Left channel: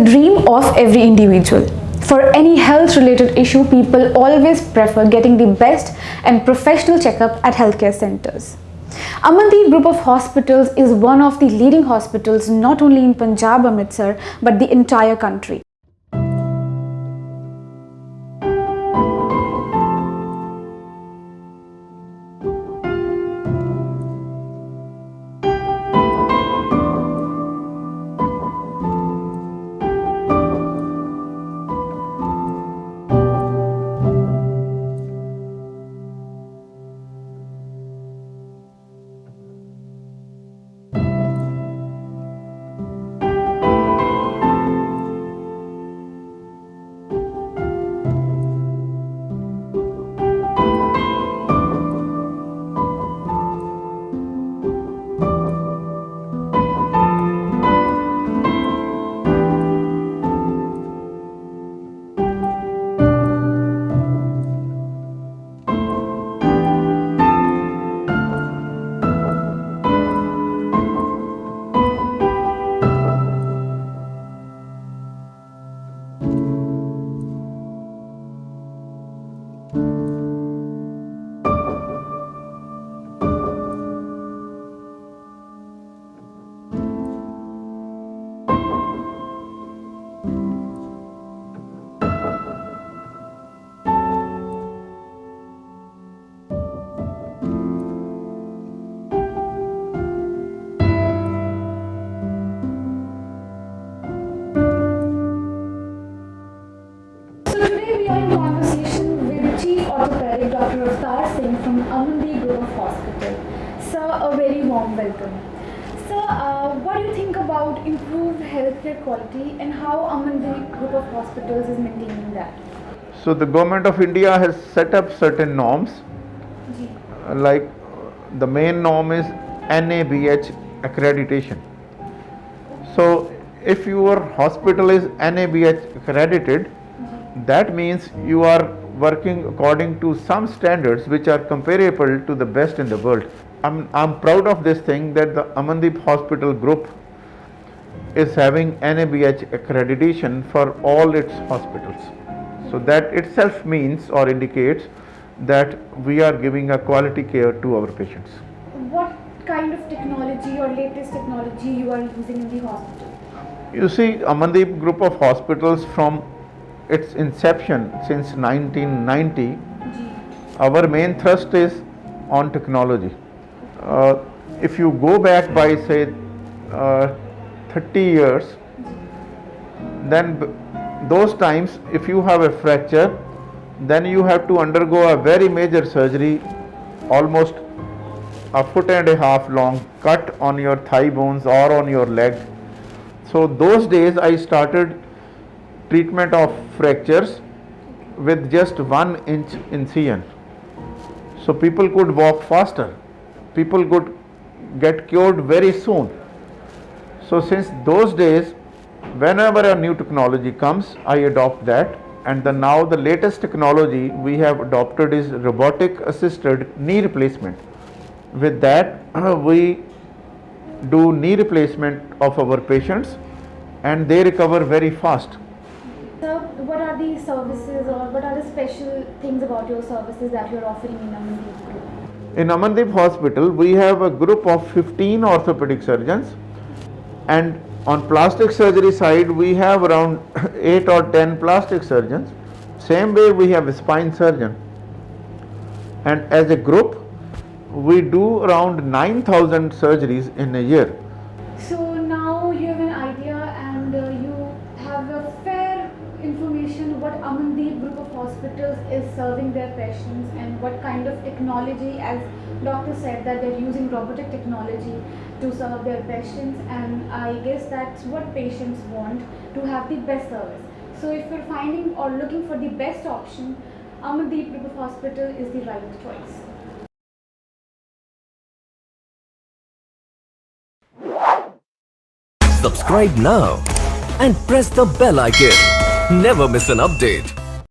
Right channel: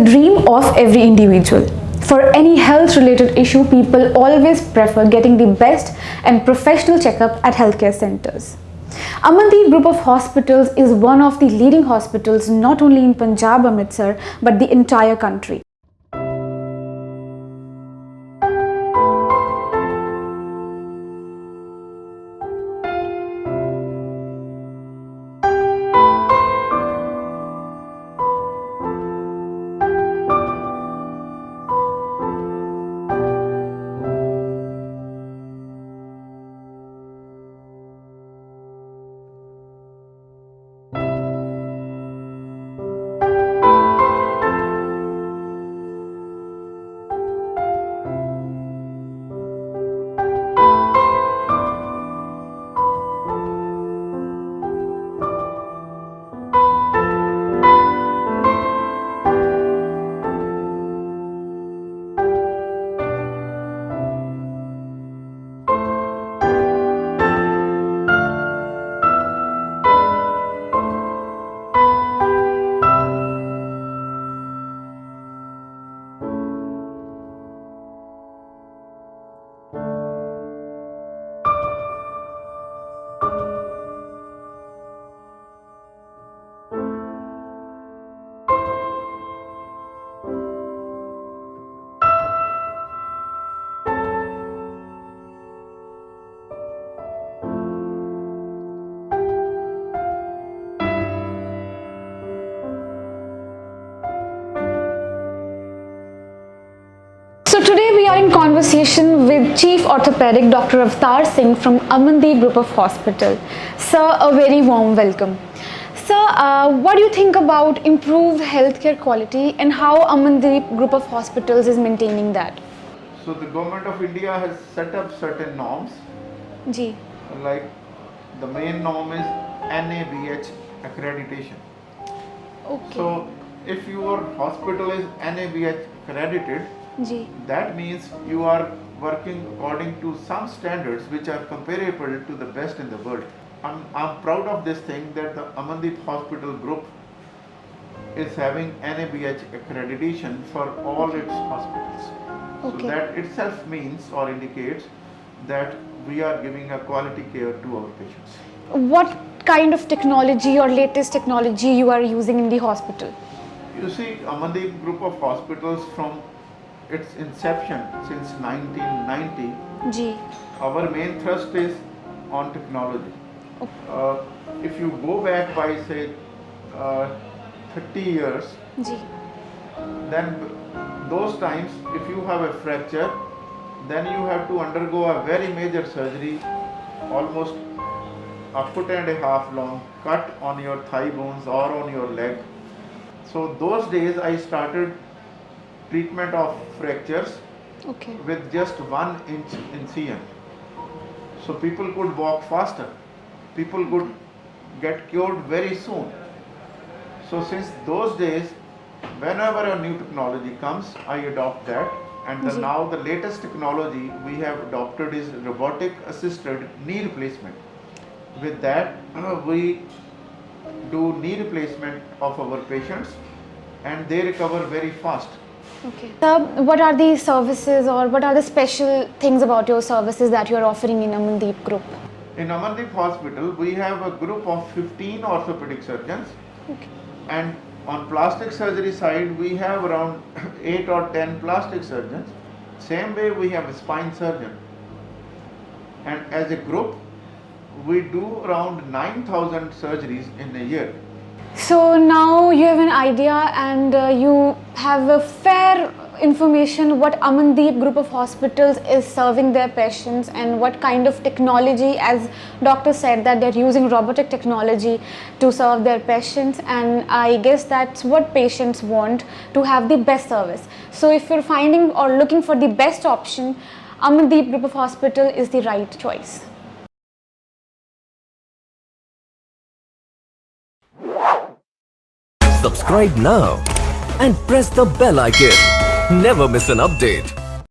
the dream of every individual. For any health related issue, people always prefer getting the best and professional checkup at healthcare centers. Amandeep Group of Hospitals is one of the leading hospitals not only in Punjab Amritsar but the entire country. So today we are in conversation with Chief Orthopedic Dr. Avtar Singh from Amandeep Group of Hospital. Sir, a very warm welcome. Sir, what do you think about improved healthcare quality and how Amandeep Group of Hospitals is maintaining that? So the government of India has set up certain norms. Ji. Like the main norm is NABH accreditation. Okay. So if your hospital is NABH accredited, Ji. that means you are working according to some standards which are comparable to the best in the world. I'm proud of this thing that the Amandeep Hospital Group is having NABH accreditation for all its hospitals. So Okay. that itself means or indicates that we are giving a quality care to our patients. What kind of technology or latest technology you are using in the hospital? You see, Amandeep Group of Hospitals from its inception since 1990, Ji. our main thrust is on technology. If you go back by say 30 years, Ji. then those times if you have a fracture, then you have to undergo a very major surgery, almost a foot and a half long cut on your thigh bones or on your leg. So those days I started treatment of fractures Okay. with just 1 inch incision. So people could walk faster, people could get cured very soon. So since those days, whenever a new technology comes, I adopt that. And now the latest technology we have adopted is robotic assisted knee replacement. With that, we do knee replacement of our patients and they recover very fast. Okay. Sir, what are the services or what are the special things about your services that you are offering in Amandeep Group? In Amandeep Hospital, we have a group of 15 orthopedic surgeons, and on plastic surgery side, we have around 8 or 10 plastic surgeons. Same way, we have a spine surgeon. And as a group, we do around 9,000 surgeries in a year. So now you have an idea and you have a fair information what Amandeep Group of Hospitals is serving their patients and what kind of technology, as doctor said that they're using robotic technology to serve their patients, and I guess that's what patients want, to have the best service. So if you're finding or looking for the best option, Amandeep Group of Hospital is the right choice. Subscribe now and press the bell icon. Never miss an update.